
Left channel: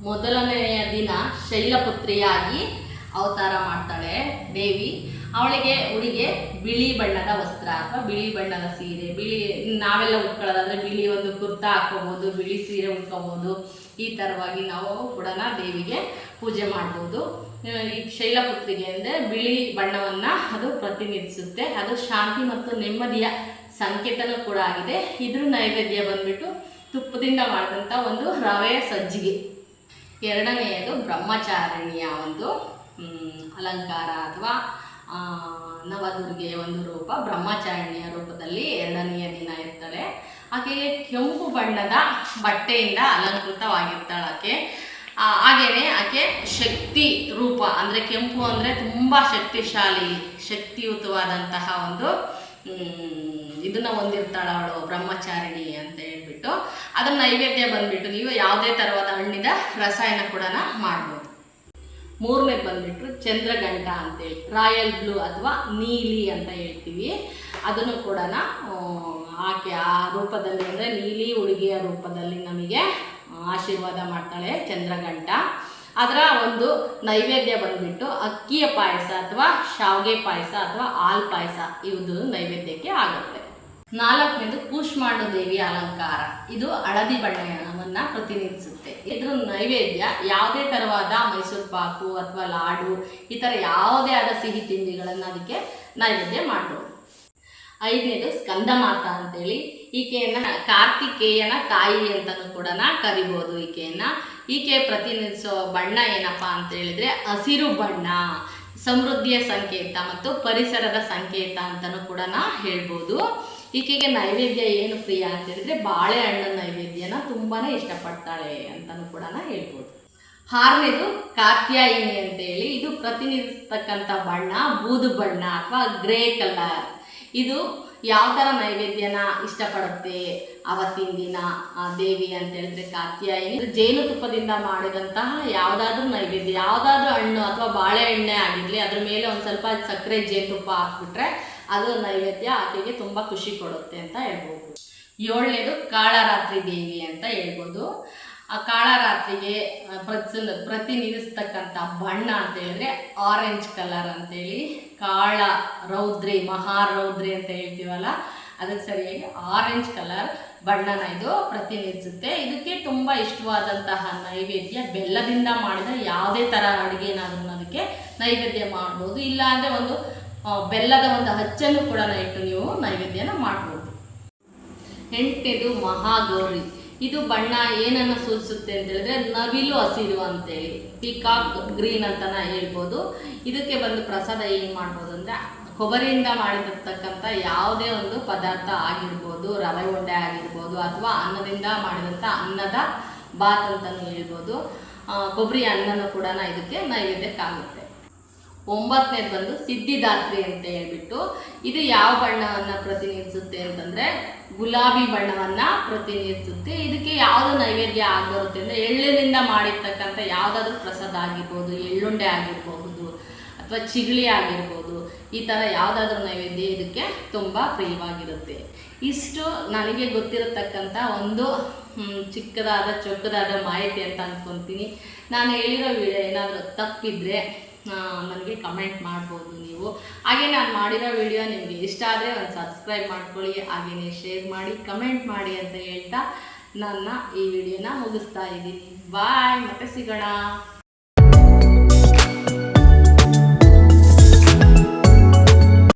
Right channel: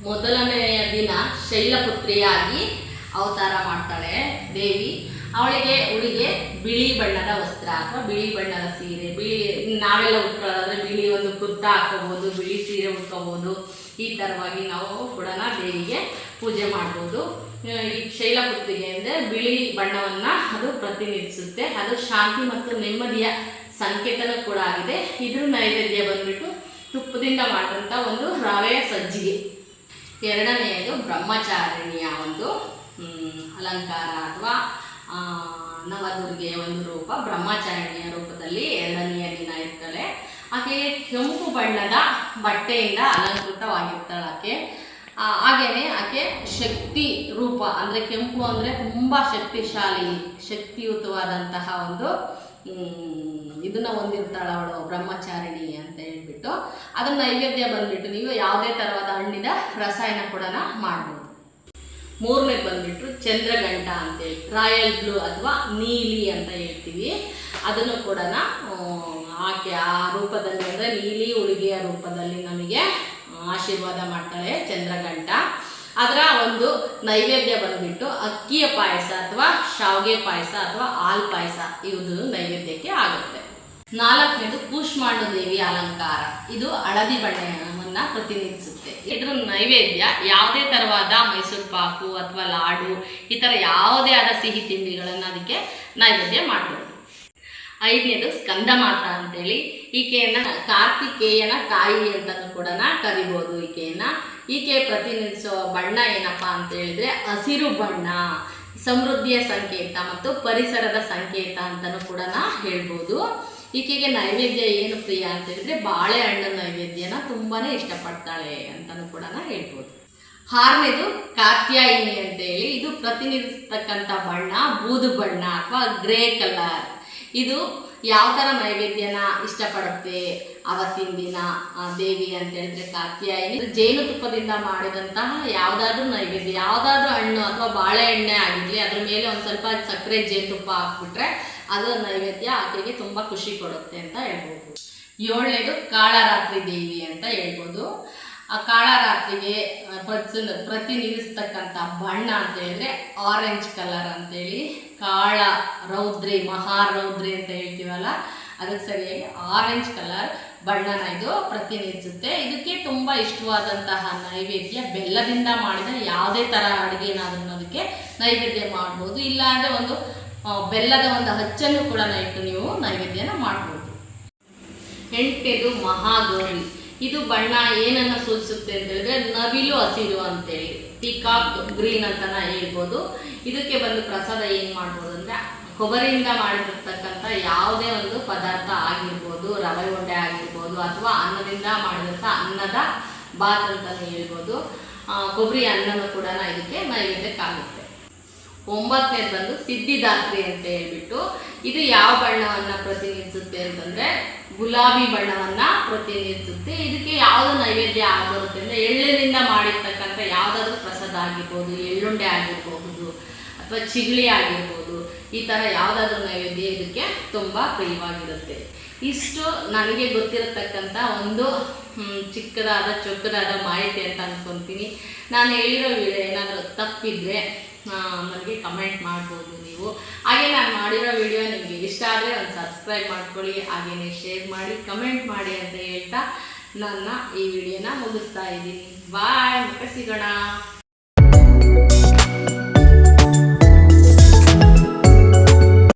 ಮೊದಲನೆಯ ದಿನ ಶೈಲಪುತ್ರಿಯಾಗಿ ಅವತಾರ ಮಾಡ್ತಾಳೆ ದೇವಿ. ಅವಳಿಗೆ ಉಡುಗೆ ಬಿಳಿ ಬಣ್ಣದ ವಸ್ತ್ರ ಅಥವಾ ಬಿಳಿ ಬಣ್ಣದ ಸೀರೆ, ಬಿಳಿ ನಾವೆಲ್ಲ ಉಟ್ಕೊಳ್ಳೋದಾದ್ರೆ ಬಿಳಿ ಒಂದು ಕುರ್ತಾ ಹಾಕೋಬೋದು ಬಿಳಿ ಸೀರೆ ಉಟ್ಕೋಬೋದು. ಈ ಥರವಾಗಿ ನಾವು ಕೂಡ ದೇವಿಗೆ ಪೂಜೆ ಮಾಡ್ಬೋದು. ಈ ಶೈಲಪುತ್ರಿಗೆ ಅಂದರೆ ಬಿಳಿ ಬಣ್ಣವನ್ನ ಅದು ಪ್ರತಿನಿಧಿಸುತ್ತೆ. ಅದು ಶಾಂತಿ ಮತ್ತು ನೆಮ್ಮದಿಯ ಸಂಕೇತನೂ ಕೂಡ ಆಗಿದೆ. ಇದ್ರ ನೈವೇದ್ಯ ಬಂದ್ಬಿಟ್ಟು ತುಪ್ಪದಿಂದ ಮಾಡಿದಂಥ ಒಂದು ರವೆಯ ಸಜ್ಜಿಗೆ. ಎರಡನೆಯದು ಬ್ರಹ್ಮಚಾರಿಣಿಯ ಒಂದು ಅಲಂಕಾರ ಅಥವಾ ನವದುರ್ಗೆಯ ಒಂದು ರೂಪ ಬ್ರಹ್ಮಚಾರಿಣಿಯ ರೂಪದಲ್ಲಿ ಎರಡನೆಯ ದಿನ ಇರ್ತಾಳೆ ಆಕೆಗೆ ಕೆಂಪು ಬಣ್ಣದ ಬಟ್ಟೆಯಿಂದ ಅಲಂಕೃತವಾಗಿರ್ತಾಳೆ ಆಕೆ. ಹಾಗೆಯೇ ಆಕೆ ಶಕ್ತಿ ರೂಪ, ಅಂದರೆ ಕೆಂಪು ಅಂದರೆ ತುಂಬ ಶಕ್ತಿಶಾಲಿ, ಶಕ್ತಿಯುತವಾದಂತಹ ಒಂದು ಇದನ್ನ ಹೊಂದಿರ್ತಾಳೆ ಅವಳು ಬ್ರಹ್ಮಚಾರಿಣಿ ಅಂತ ಹೇಳ್ಬಿಟ್ಟು. ಅದನ್ನ ನೈವೇದ್ಯ ಬಂದ್ಬಿಟ್ಟು ನೀವು ಯಾವುದೇ ಥರವಾದ ಹಣ್ಣಿದ ರಸಾಯನ ಕೂಡ ಮಾಡ್ಬೋದು. ಮೂರನೇದು ಬಂದ್ಬಿಟ್ಟು ಚಂದ್ರಗಂಟ ಅಂತೇಳಿ ರಾಯಲ್ ಬ್ಲೂ ಅಥವಾ ನೀಲಿ ಅಂತ ಹೇಳ್ತೀವಿ. ಅದನ್ನು ಕೂಡ ಆಕೆ ಆ ರೂಪದಲ್ಲಿ ಅಂದರೆ ನೀಲಿ ಉಳಿಗೆಯ ರೂಪದಲ್ಲಿ ನಮಗೆ ಆಶೀರ್ವಾದ ಮಾಡ್ತಾಳೆ ಚಂದ್ರಗಂಟ ಅದರ ಒಂದು ನೈವೇದ್ಯ ಬಂದ್ಬಿಟ್ಟು ಅಕ್ಕಿಯ ಪಾಯಸ ಅಥವಾ ಶಾವಿಗೆ ಪಾಯಸ ಅಥವಾ ಹಾಲ್ ಪಾಯಸ ಇದು ನೈವೇದ್ಯಕ್ಕೆ ಆಗುತ್ತೆ. ನಾಲ್ಕನೇದು ಕೂಷ್ಮಾಂಡು ದೇವಿ ಅಲಂಕಾರ. ಇದು ಹಳದಿ ಬಣ್ಣವನ್ನ ಪ್ರತಿನಿಧಿಸುತ್ತೆ. ಇದ್ರ ನೈವೇದ್ಯ ಯಾವುದೇ ತರವಾದ ಮೈಸೂರು ಪಾಕು ಅಥವಾ ಲಾಡು, ಈ ಥರ ಯಾವುದೇ ಆದ ಸಿಹಿ ತಿಂಡಿಗಳನ್ನು ಅದಕ್ಕೆ ನೈವೇದ್ಯ ಮಾಡ್ಬೋದು. ಐದನೇದು ಸ್ಕಂದ ಮಾತಾ ಅಂತೇಳಿ, ಈಕೆಯನ್ನ ಕಾರ್ತಿಕೇಯನ ತಾಯಿ ಅಂತಲೂ ಕೂಡ ಕರಿಬೋದು ಈಕೆಯನ್ನ. ಈಕೆ ಪ್ರತಿನಿಧಿಸುವ ಬಣ್ಣ ಏನಪ್ಪ ಅಂತ ಹೇಳಿದ್ರೆ ಹಸಿರು ಬಣ್ಣ, ಸಮೃದ್ಧಿಯ ಸಂಕೇತ ಮತ್ತು ಪರಿಸರದ ಸಂಕೇತ ಅಂತಲೂ ಕೂಡ ನಾ ಹೇಳ್ಬೋದು. ಈಕೆಗೆ ನೈವೇದ್ಯ ಏನು ಪ್ರಿಯ ಅಂತ ಹೇಳಿದ್ರೆ ಬಾಳೆಹಣ್ಣು ನೈವೇದ್ಯನ ತುಂಬಾ ಇಷ್ಟಪಡ್ತಾಳೆ ಅಂತಲೂ ಕೂಡ ನಾ ಹೇಳ್ಬೋದು. ಆರನೇದು ಕಾತ್ಯಾಯಿನಿ ಅಂತೇಳಿ ಇದು ಪ್ರತಿನಿಧಿಸ್ತಕ್ಕಂಥ ಬಣ್ಣ, ಬೂದು ಬಣ್ಣ ಅಥವಾ ಗ್ರೇ ಕಲರ್. ಇದು ಯಾವ ಥರ ನೈವೇದ್ಯನ ಇಷ್ಟಪಡುತ್ತೆ ಅವತ್ತಿನ ದಿನ ದೇವಿ ಅಂತ ಹೇಳಿದ್ರೆ ಕಾತ್ಯಾಯಿನಿ? ಜೇನುತುಪ್ಪದಿಂದ ಮಾಡಿದಂತಹ ಯಾವುದಾದ್ರೂ ನೈವೇದ್ಯ, ಯಾವುದಾದ್ರೂ ಹಣ್ಣು ಅಥವಾ ಬಾಳೆಹಣ್ಣೆ ಆಗಿರಲಿ, ಅದ್ರ ಮೇಲೆ ಒಂದು ಸ್ವಲ್ಪ ಸಕ್ಕರೆ ಜೇನುತುಪ್ಪ ಹಾಕ್ಬಿಟ್ರೆ ಅದು ನೈವೇದ್ಯ ಆಕೆಗೆ ತುಂಬ ಖುಷಿ ಕೊಡುತ್ತೆ ಅಂತ ಹೇಳ್ಬೋದು. ಏಳನೇದು ಕಾಳರಾತ್ರಿ ದೇವಿ ಅಂತ ಹೇಳ್ಬೋದು. ಆ ಕಾಳರಾತ್ರಿಗೆ ರಾತ್ರಿಗೆ ಪ್ರತಿ ಪ್ರತಿನಿಧಿಸ್ತಕ್ಕಂಥ ಬಣ್ಣ ಅಂತ ಹೇಳಿದ್ರೆ ಆರೆಂಜ್ ಕಲರ್ ಅಂತೇಳಿ ಕಾಳ ರೌದ್ರಿ ಮಹಾರೌದ್ರಿ ಅಂತ ಹೇಳ್ತೀವಲ್ಲ, ಅದಕ್ಕೆ ಸರಿಯಾಗಿ ಆರೆಂಜ್ ಕಲರ್ ಬಣ್ಣನ ಇದು ಪ್ರತಿನಿಧಿಸುತ್ತೆ. ಇದಕ್ಕೆ ತುಂಬ ಇಷ್ಟವಾದಂತಹ ನೈವೇದ್ಯ ಬೆಲ್ಲದಿಂದ ಮಾಡಿದ ಯಾವುದೇ ಥರ ಅಡುಗೆನಾದ್ರೂ ಅದಕ್ಕೆ ನೈವೇದ್ಯ ಮಾಡ್ಬೋದು. ಇಲ್ಲ ಅಂದರೆ ಒಂದು ಬೆಲ್ಲದ ಒಂದು ಹಚ್ಚನ್ನು ಕೂಡ ಇಟ್ಟು ನೀವು ನೈವೇದ್ಯನ ಮಾಡ್ಬೋದು. ಎಂಟನೇದು ಮಹಾಗೌರಿ. ಇದು ಬಣ್ಣ ಏನನ್ನ ಸೂಚಿಸುತ್ತೆ ಅಂತ ಹೇಳಿದ್ರೆ ನವಿಲು ಹಸಿರು ಅಂತೇಳಿ. ಪಿಕಾಕ್ ಗ್ರೀನ್ ಅಂತನ ಹೇಳ್ಬೋದು. ಇದಕ್ಕೆ ಬಂದು ಪ್ರಸಾದ ಏನು ಮಾಡ್ಬೋದು ಅಂದ್ರೆ ಕೊಬ್ಬರಿಯಿಂದ ಮಾಡಿರ್ತಕ್ಕಂಥ ಯಾವುದೇ ಒಂದು ಪದಾರ್ಥ ಆಗಿರ್ಬೋದು, ರವೆ ಉಂಡೆ ಆಗಿರ್ಬೋದು ಅಥವಾ ಅನ್ನದಿಂದ ಮಾಡಿದಂಥ ಅನ್ನದ ಬಾತ್ ಅಂತಲೇ ಹೇಳ್ಬೋದು. ಕೊಬ್ಬರಿ ಅನ್ನನೂ ಕೂಡ ಇದಕ್ಕೆ ನೈವೇದ್ಯಕ್ಕಾಗುತ್ತೆ. ಒಂಬತ್ತನೇದು ಬಂದು ಸಿದ್ಧಿದಾತ್ರಿ ಅಂತ ಹೇಳ್ಬಿಟ್ಟು ಇದು ಯಾವ ಬಣ್ಣವನ್ನು ಪ್ರತಿನಿಧಿಸುತ್ತೆ ಅಂತಂದ್ರೆ ಗುಲಾಬಿ ಬಣ್ಣವನ್ನು ಪ್ರತಿನಿಧಿಸುತ್ತೆ. ಇದಕ್ಕೆ ಯಾವುದು ನೈವೇದ್ಯ ಆಗಿರುತ್ತೆ ಅಂದರೆ ಎಳ್ಳಿನಿಂದ ಮಾಡಿರ್ತಕ್ಕಂಥ ಯಾವುದಾದ್ರೂ ಪ್ರಸಾದ ಆಗಿರ್ಬೋದು, ಎಳ್ಳುಂಡೆ ಆಗಿರಬಹುದು ಅಥವಾ ಚಿಗಳಿ ಆಗಿರ್ಬೋದು, ಈ ಥರ ಯಾವುದಾದ್ರೂ ನೈವೇದ್ಯ ಇದಕ್ಕೆ ತುಂಬ ಪ್ರಿಯವಾಗಿರುತ್ತೆ. ಇಷ್ಟು ನನಗೆ ಗೊತ್ತಿರತಕ್ಕಂಥ ಒಂದು ಚಿಕ್ಕದಾದ, ಚೊಕ್ಕದಾದ ಮಾಹಿತಿ ಅಂತ ಅಂದ್ಕೊತೀನಿ ನಾನು ಹೇಳಿರೋ ವಿಡಿಯೋ ಏನಾದರೂ ತಪ್ಪಿದ್ರೆ ನನಗೆ ಕಮೆಂಟ್ ಮಾಡ್ಬೋದು ನೀವು. ಹಾಗೆ ನಾನು ಮಾಡಿರೋ ವಿಡಿಯೋ ನಿಮಗೆ ಇಷ್ಟ ಆದರೆ ಒಂದು ಸಬ್ಸ್ಕ್ರೈಬ್ ಮಾಡ್ಕೊಳ್ಳಿ ಹಾಗೆಯೇ ಶೇರ್ ಮಾಡಿ ಕಮೆಂಟ್ ಮಾಡಿ ಅಂತ ಹೇಳ್ತಾ ನನ್ನ ಈ ವಿಡಿಯೋನ ಮುಗಿಸ್ತಾ ಇದ್ದೀನಿ. ಬಾಯ್ ಮತ್ತೆ ಸಿಗೋಣ.